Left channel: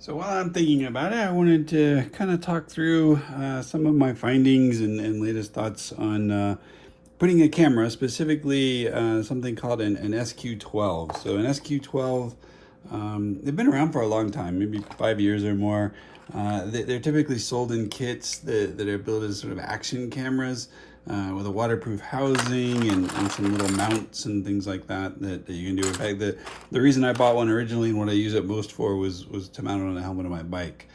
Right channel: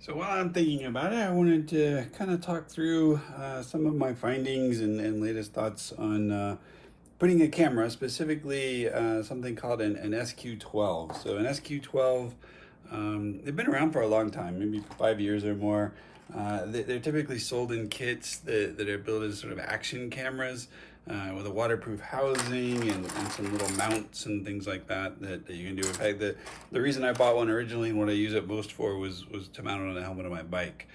So while I'm thinking about it, I wanted to kind of talk through some of my findings and latest thoughts on putting a camera, specifically something called an SQ12. So an SQ12, they've been around for a long time, maybe 5 years or more. They're typically sold in kits that are built as sort of action cameras with a waterproof housing and some little mounts and things like that you can do. In fact, the reason I bought one originally and what I use it most for was to mount it on the helmet of my bike.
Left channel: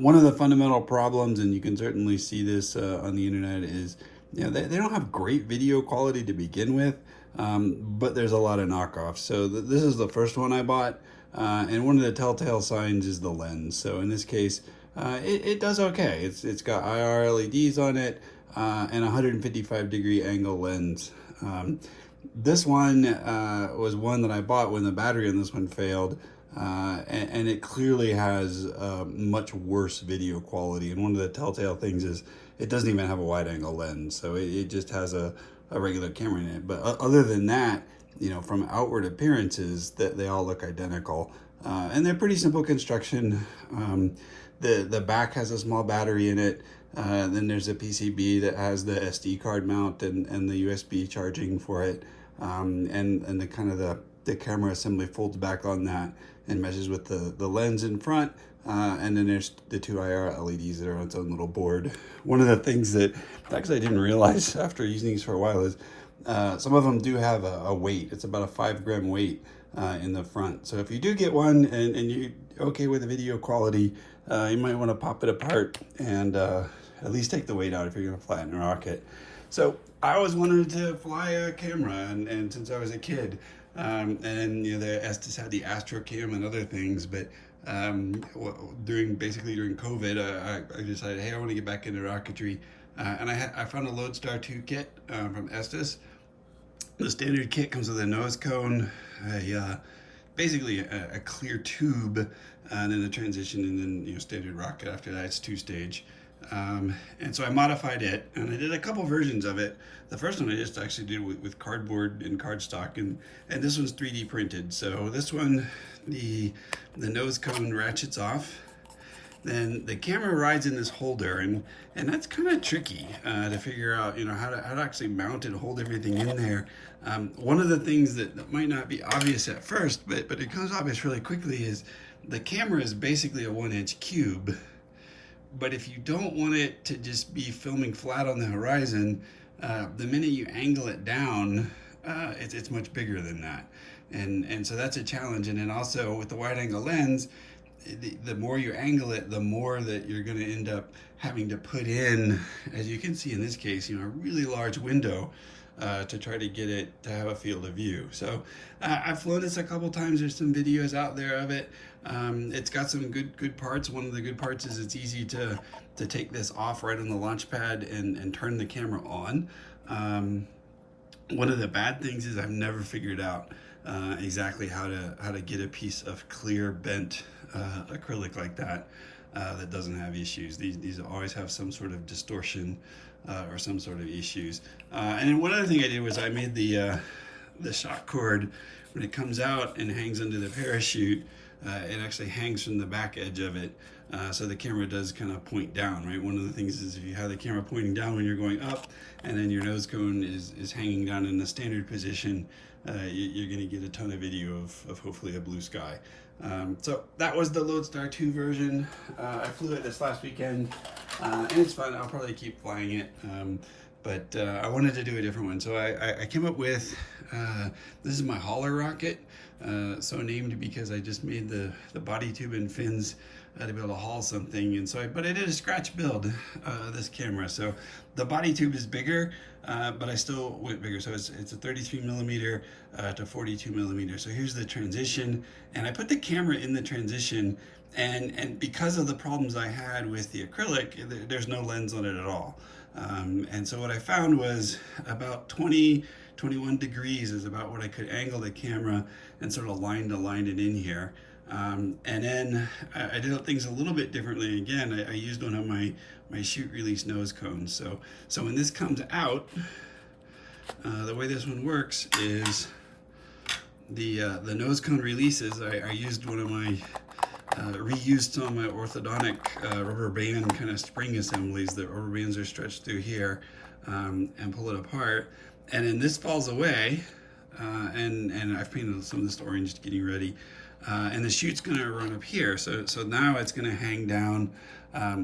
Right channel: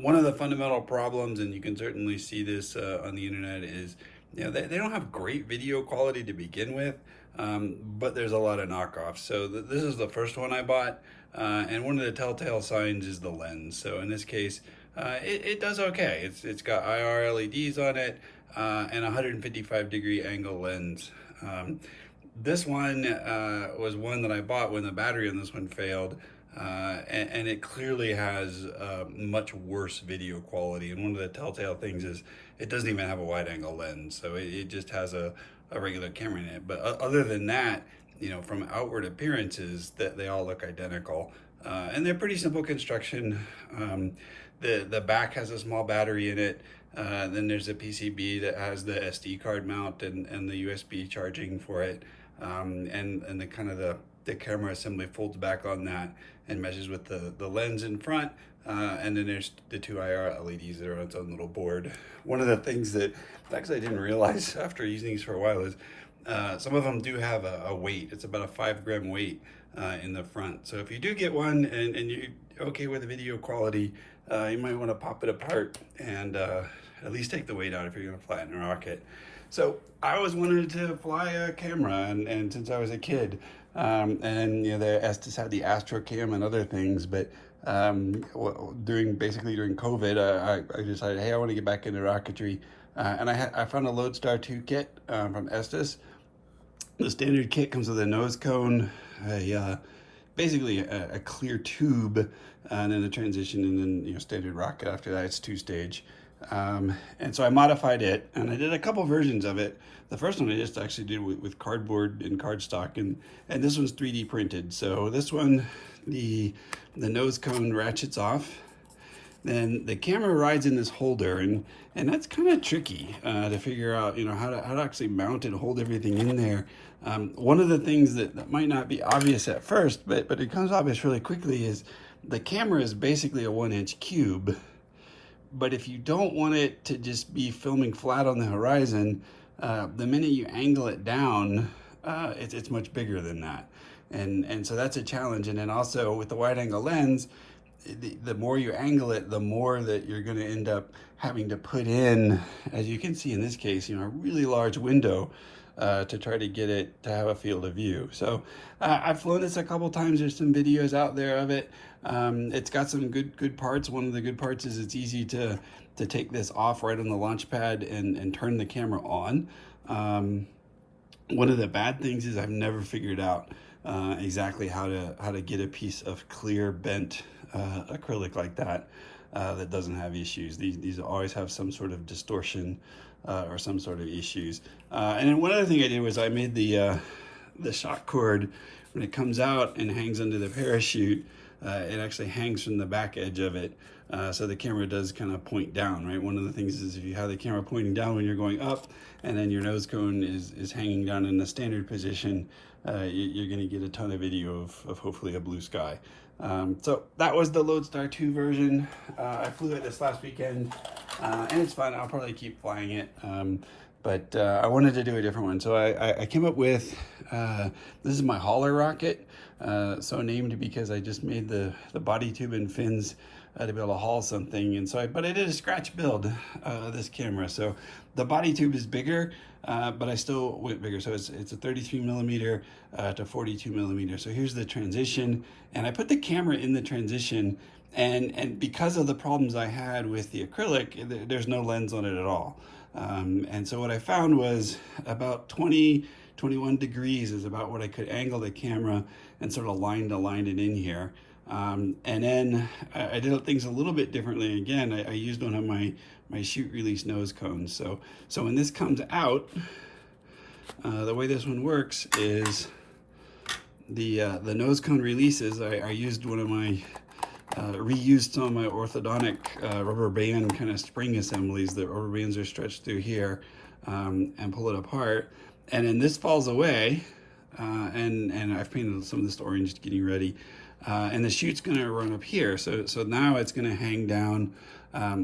One of the fundamental problems, and you can certainly see this on the internet, is they don't have great video quality to begin with, but there's a lot of knockoffs. So this is the first one I bought, and one of the telltale signs is the lens. So in this case, it does okay. It's got IR LEDs on it and 155-degree angle lens. This one was one that I bought when the battery on this one failed, and it clearly has much worse video quality. And one of the telltale things is it doesn't even have a wide angle lens, so it just has a regular camera in it. But other than that, from outward appearances, that they all look identical, and they're pretty simple construction. The back has a small battery in it. Then there's a PCB that has the SD card mount and the USB charging for it, and the camera assembly folds back on that and meshes with the lens in front, and then there's the two IR LEDs that are on its own little board. One of the things that actually I didn't realize after using these for a while is some of them do have a weight. It's about a 5-gram weight in the front. So if you do get one and you're okay with the video quality, you might want to pop it apart and at least take the weight out if you're going to fly it in a rocket. So I always wanted to fly a camera, and since I was a kid, and the Estes had the Astro Cam and other things, but during COVID, I decided, hey, I want to get back into rocketry, and I found a LoadStar II kit from Estes. The standard kit comes with a nose cone, basically a clear tube, and then a transition, and then standard rocket. After that, it's 2-stage. And so I modified it, and I did a couple versions of it. The first one I just actually did with cardboard and cardstock, and this one's 3D printed. So this one, the nose cone ratchets off. Then the camera rides in this holder, and that's kind of tricky to figure out, how to actually mount it, hold everything in there. One of the things that might not be obvious at first, but it becomes obvious really quickly, is the camera is basically a 1-inch cube. But if you don't want it to just be filming flat on the horizon, the minute you angle it down, it's much bigger than that. And so that's a challenge. And then also with the wide angle lens, the more you angle it, the more that you're going to end up having to put in, as you can see in this case, a really large window to try to get it to have a field of view. So I've flown this a couple times. There's some videos out there of it. It's got some good parts. One of the good parts is it's easy to take this off right on the launch pad and turn the camera on. One of the bad things is I've never figured out exactly how to get a piece of clear bent acrylic like that that doesn't have issues. These always have some sort of distortion or some sort of issues. And then one other thing I did was I made the shock cord, when it comes out and hangs under the parachute, it actually hangs from the back edge of it, so the camera does kind of point down, right? One of the things is if you have the camera pointing down when you're going up, and then your nose cone is hanging down in the standard position, you're going to get a ton of video of hopefully a blue sky. So that was the LoadStar II version. I flew it this last weekend, and it's fun. I'll probably keep flying it, but I wanted to do a different one. So I came up with, this is my hauler rocket, so named because I just made the body tube and fins to be able to haul something. And so but I did a scratch build of this camera. So the body tube is bigger, but I still went bigger. So it's a 33 millimeter to 42 millimeter. So here's the transition, and I put the camera in the transition, and because of the problems I had with the acrylic, there's no lens on it at all. And so what I found was about 21 degrees is about what I could angle the camera and sort of line it in here. And then I did things a little bit differently. Again, I used one of my shoot release nose cones. So when this comes out, the way this one works is the nose cone releases. I used one of my reused some of my orthodontic rubber band kind of spring assemblies. The rubber bands are stretched through here, and pull it apart. And then this falls away, and I've painted some of this orange getting ready. And the chute's gonna run up here. So now it's gonna hang down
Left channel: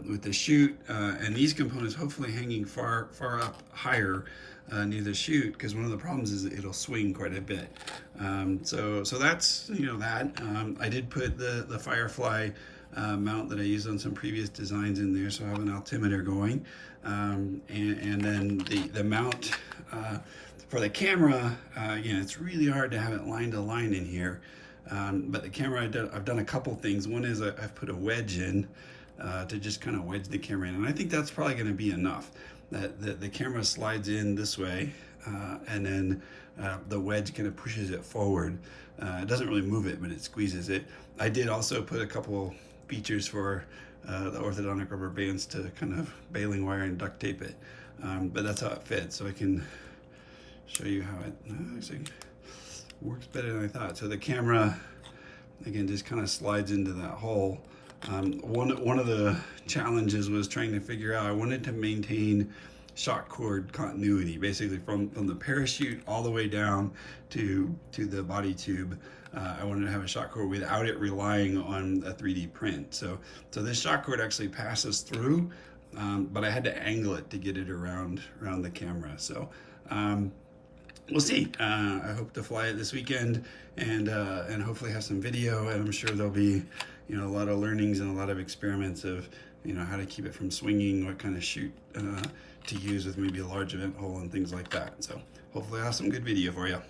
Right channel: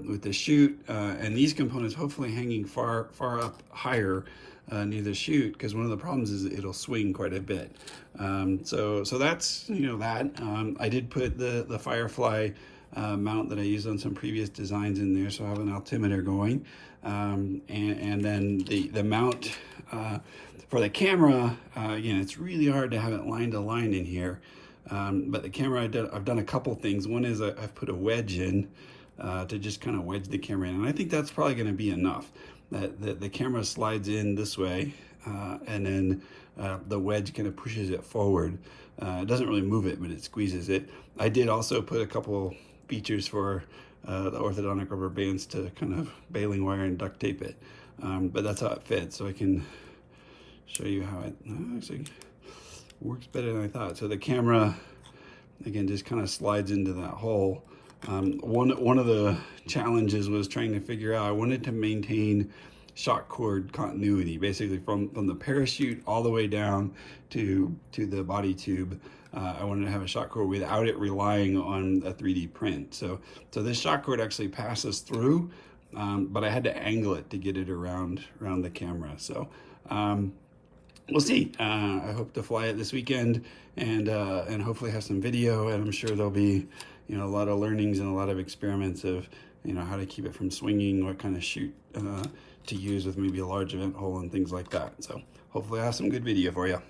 with the chute, and these components hopefully hanging far up higher near the chute, because one of the problems is it'll swing quite a bit. So that's, that. I did put the Firefly mount that I used on some previous designs in there, so I have an altimeter going. And then the mount for the camera, it's really hard to have it line to line in here. But the camera, I've done a couple things. One is I've put a wedge in to just kind of wedge the camera in, and I think that's probably going to be enough. That the camera slides in this way, and then the wedge kind of pushes it forward. It doesn't really move it, but it squeezes it. I did also put a couple features for the orthodontic rubber bands to kind of baling wire and duct tape it, but that's how it fits. So I can show you how it actually works better than I thought. So the camera, again, just kind of slides into that hole. One of the challenges was trying to figure out, I wanted to maintain shock cord continuity, basically from the parachute all the way down to the body tube. I wanted to have a shock cord without it relying on a 3D print. So this shock cord actually passes through, but I had to angle it to get it around the camera. So we'll see. I hope to fly it this weekend, and hopefully have some video, and I'm sure there'll be a lot of learnings and a lot of experiments of how to keep it from swinging, what kind of chute to use with maybe a large event hole and things like that. So hopefully I have some good video for you.